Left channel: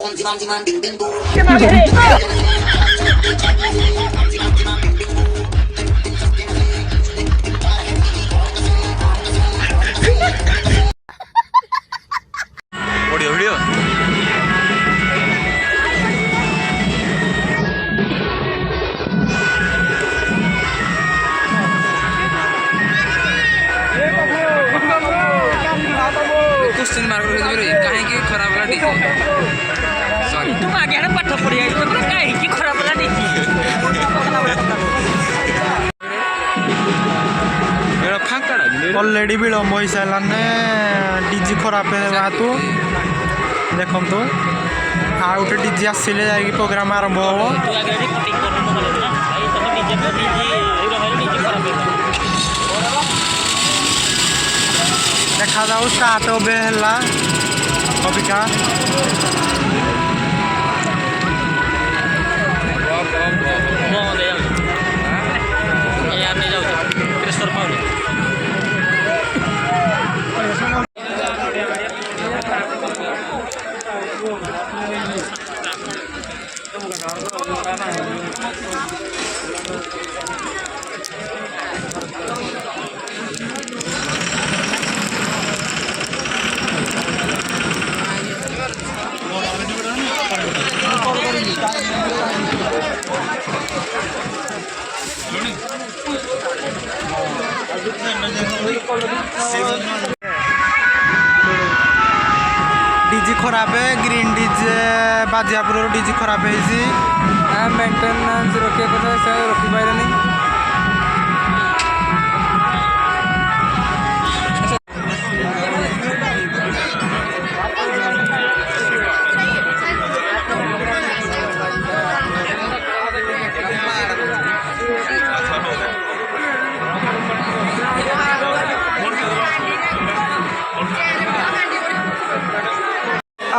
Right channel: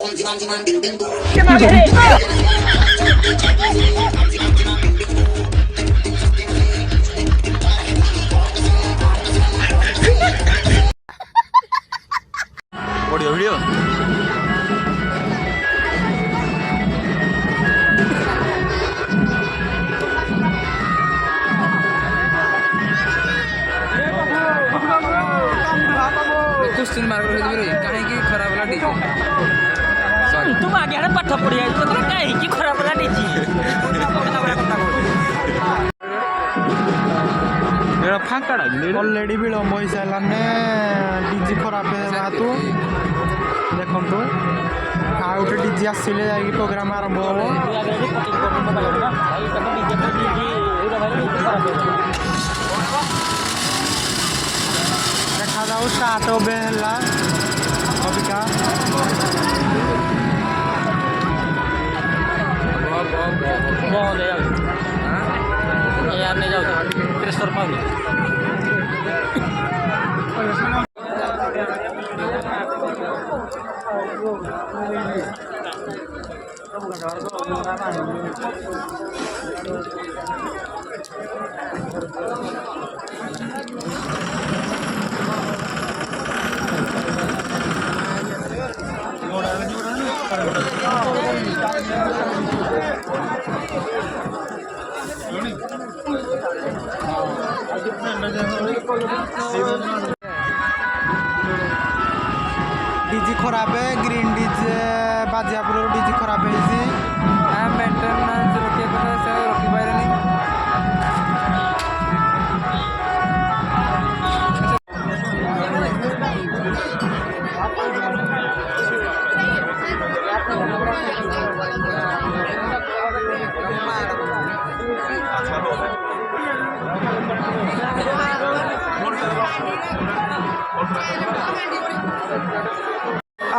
Video video question mark कहीं खराब वाला डीजे तुम आगे पाठ पढ़ी आई तो कहीं खराब वाला डीजे अलरेडी विलम्ब हो सारे डीजी खराब हेतु देखु आ गोटे डीजी आसिले जाकि प्रोग्राम आरंभ हम देखा जाऊ स्टार्ट होबे हला कविका डीजी खराब है ग्रीन डीजे बाजियापुर डीजी खराब है मेंटेनेंस रखिए रखी पारे नहीं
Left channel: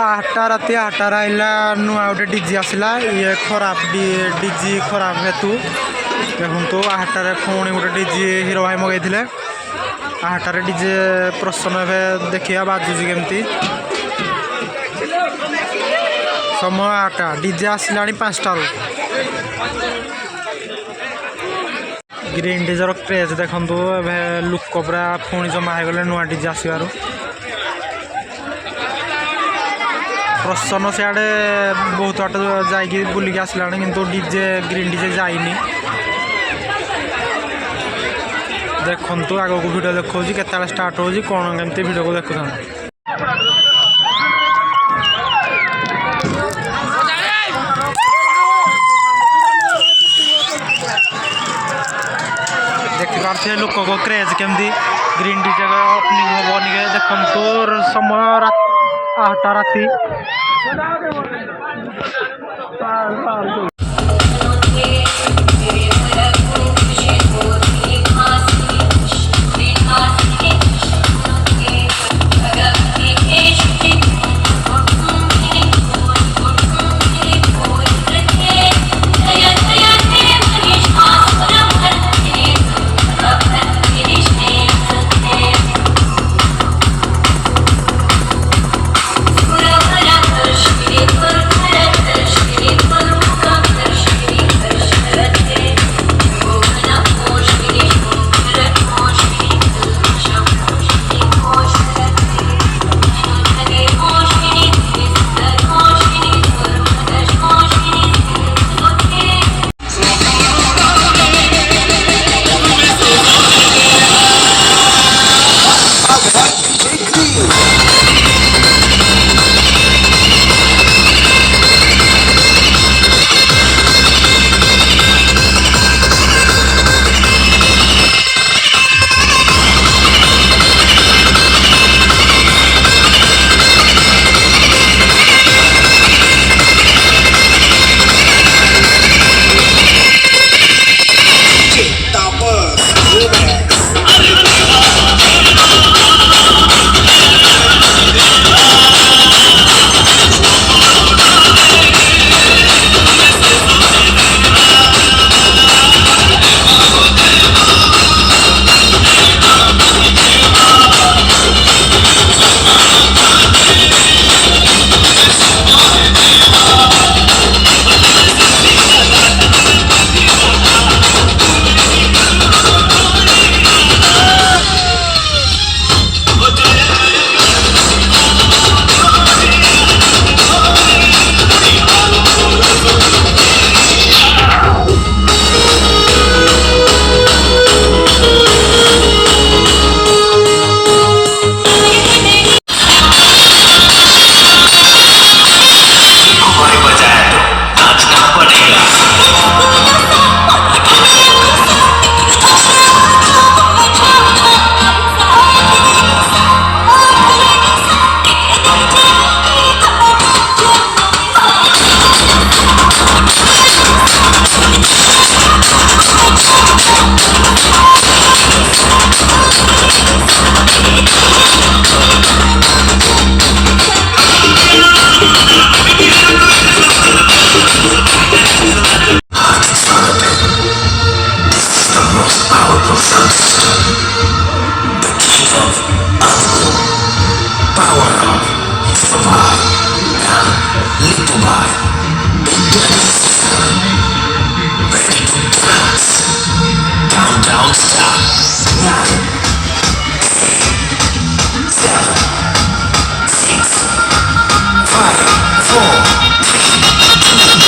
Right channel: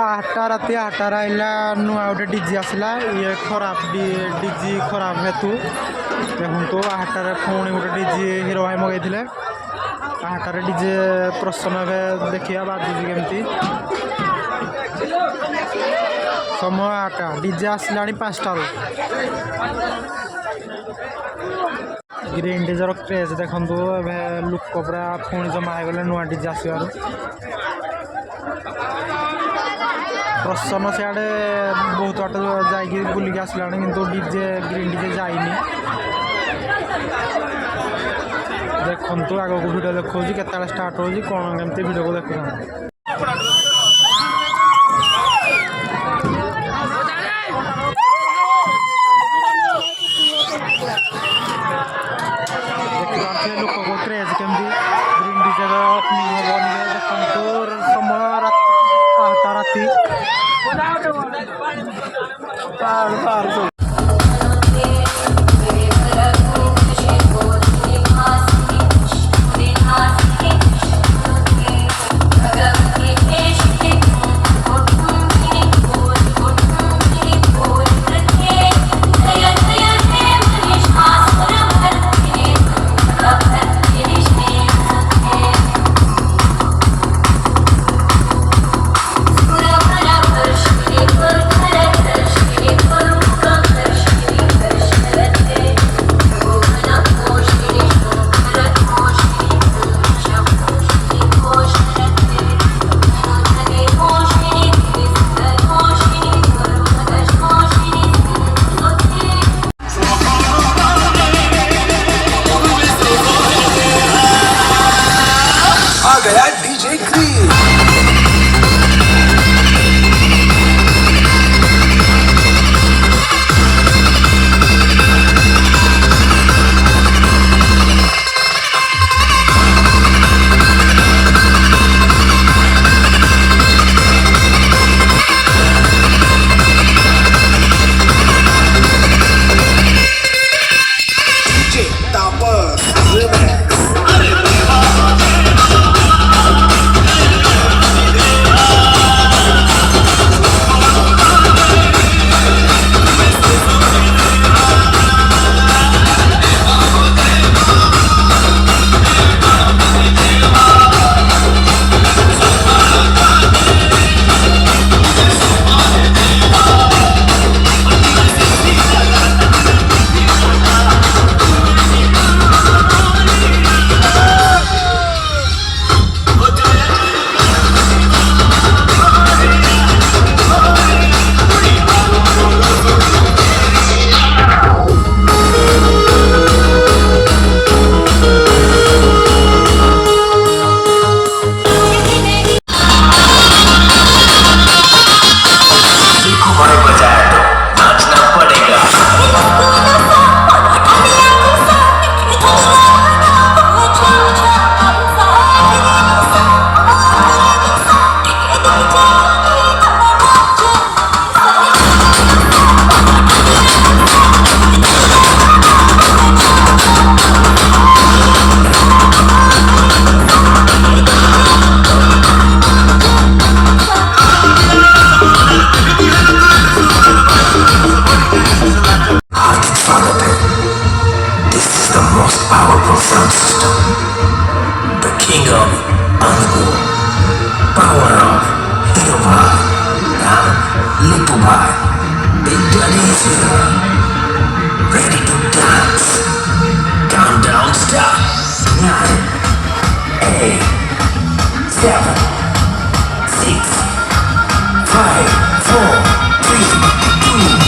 आठटा राति 8टा आइला नुआ गोटे डीजी आसला ये खराब डीजी खराब हेतु देखु 8टारे पुणी गोटे डीजी हिरो भाई मगैले 8टारे डीजे प्रसन्न ए देखिया बाजुची केमती समय 8टा डीजे आसला 5टारू ग्रीन डीजर क्रेज देखु लुक पूरा पुणी जमा हो गले नुआ डीजे आसबार प्रसन्न सियाड़े बहुत बाट जाकि बुलिक आसला किंतु डीजे ग्रीन डीजे जाइनी देखु आग को वीडियो देखा केत स्टार्ट हो कौन केमती वीडियो को देखुता देखिए लोक को क्रेज केमती ग्रीन डीजे ओपनिंग हम निके देखु समय 8टा राति Come Little by Indonesia. Ready to dance. Countdown start. 9, 8, 7, 6, 5, 4, 3, 2, 1.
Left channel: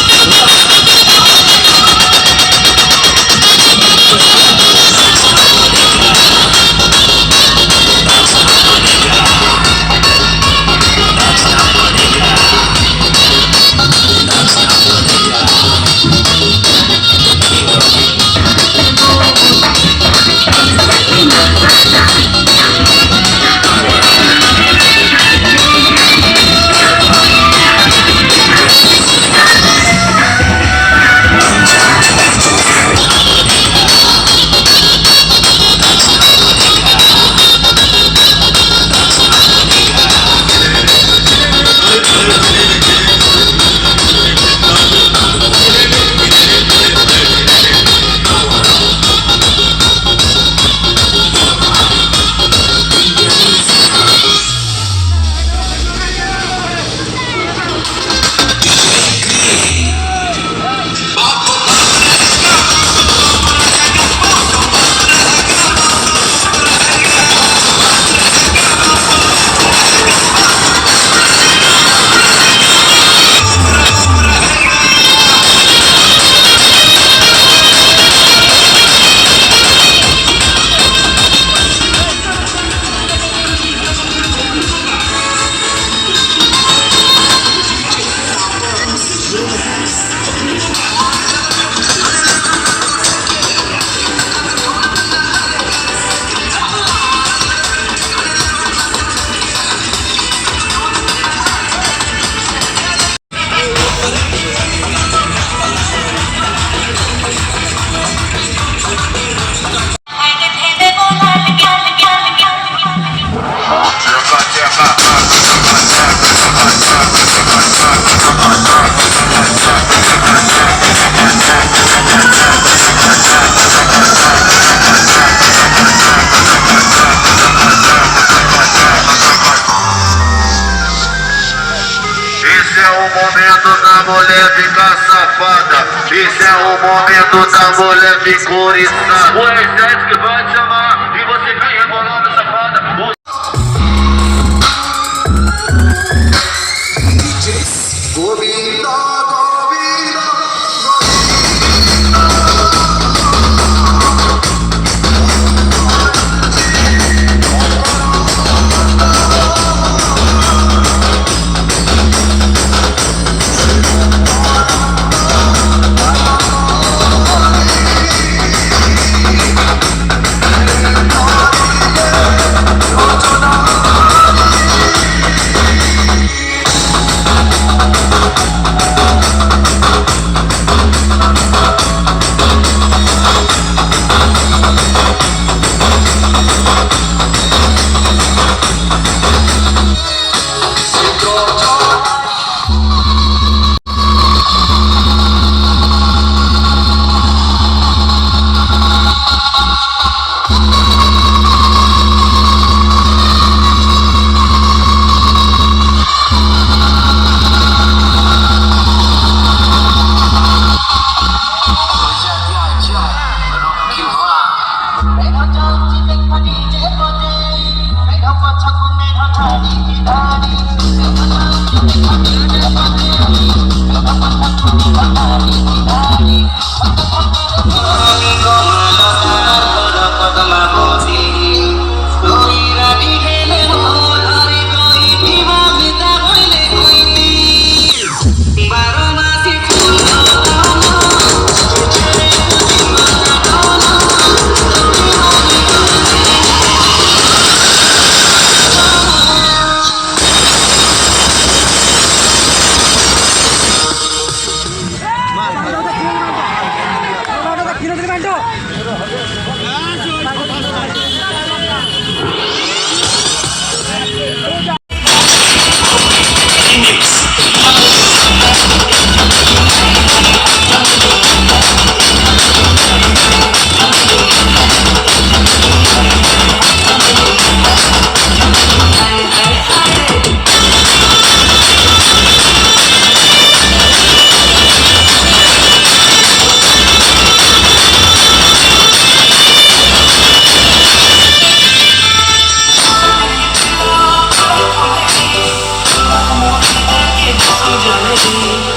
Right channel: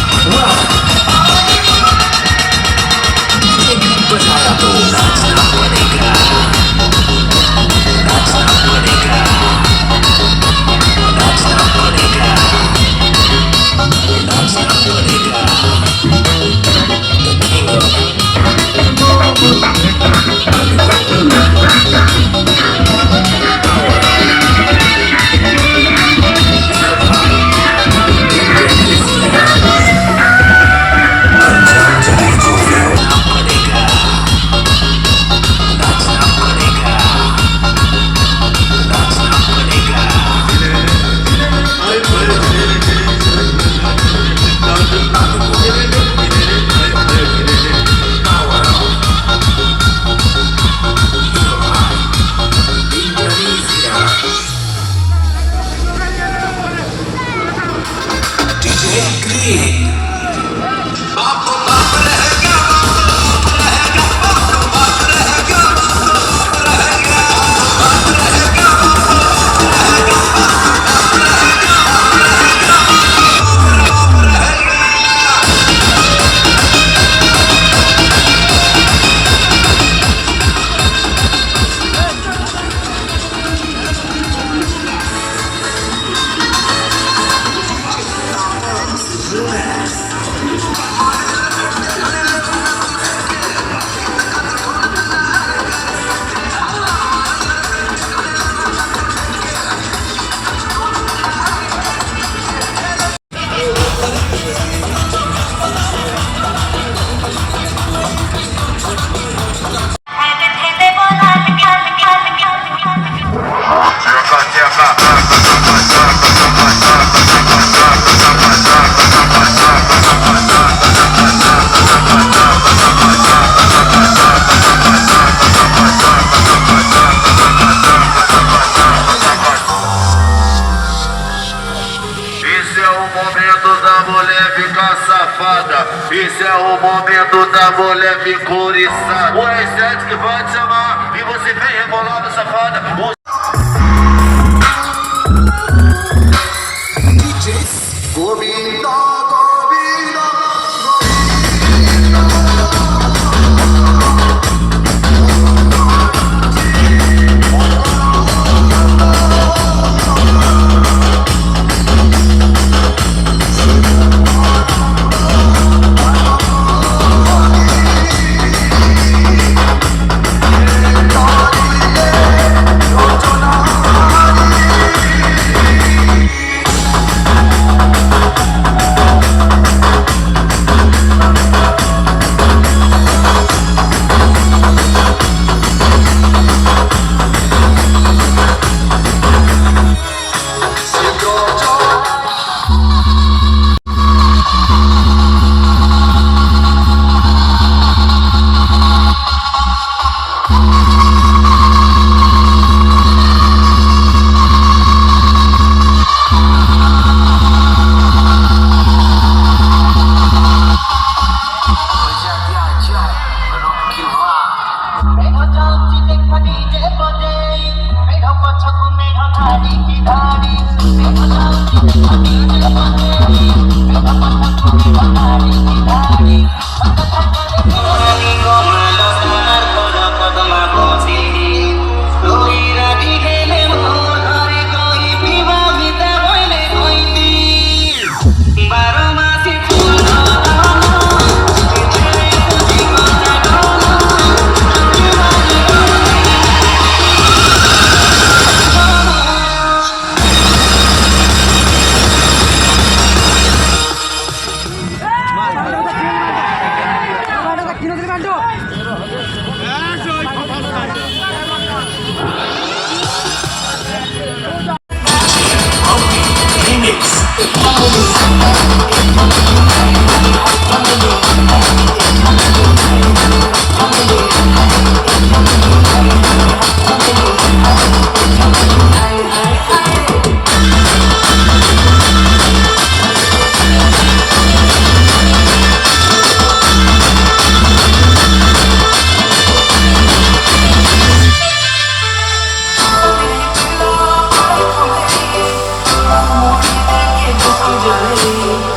Esse é o momento da mulher picurizada. O R7 que vai te chamar e você vem rebolando, safada. see.